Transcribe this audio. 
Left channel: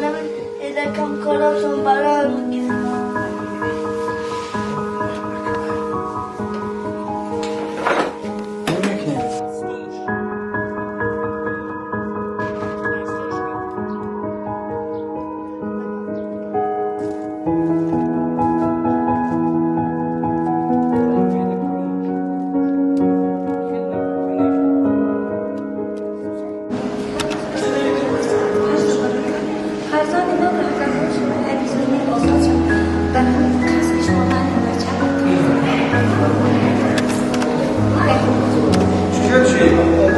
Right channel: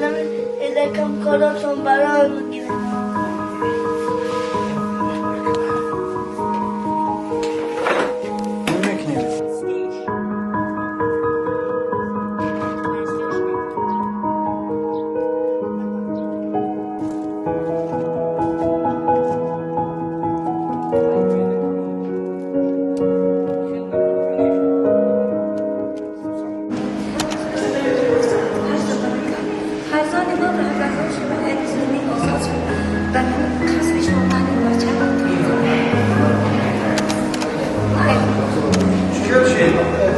مامانم یکم کاراتون برای میگیره. خزانه ما رو اگر شما اجازه آزاد شد برای کسب شما و چند چی؟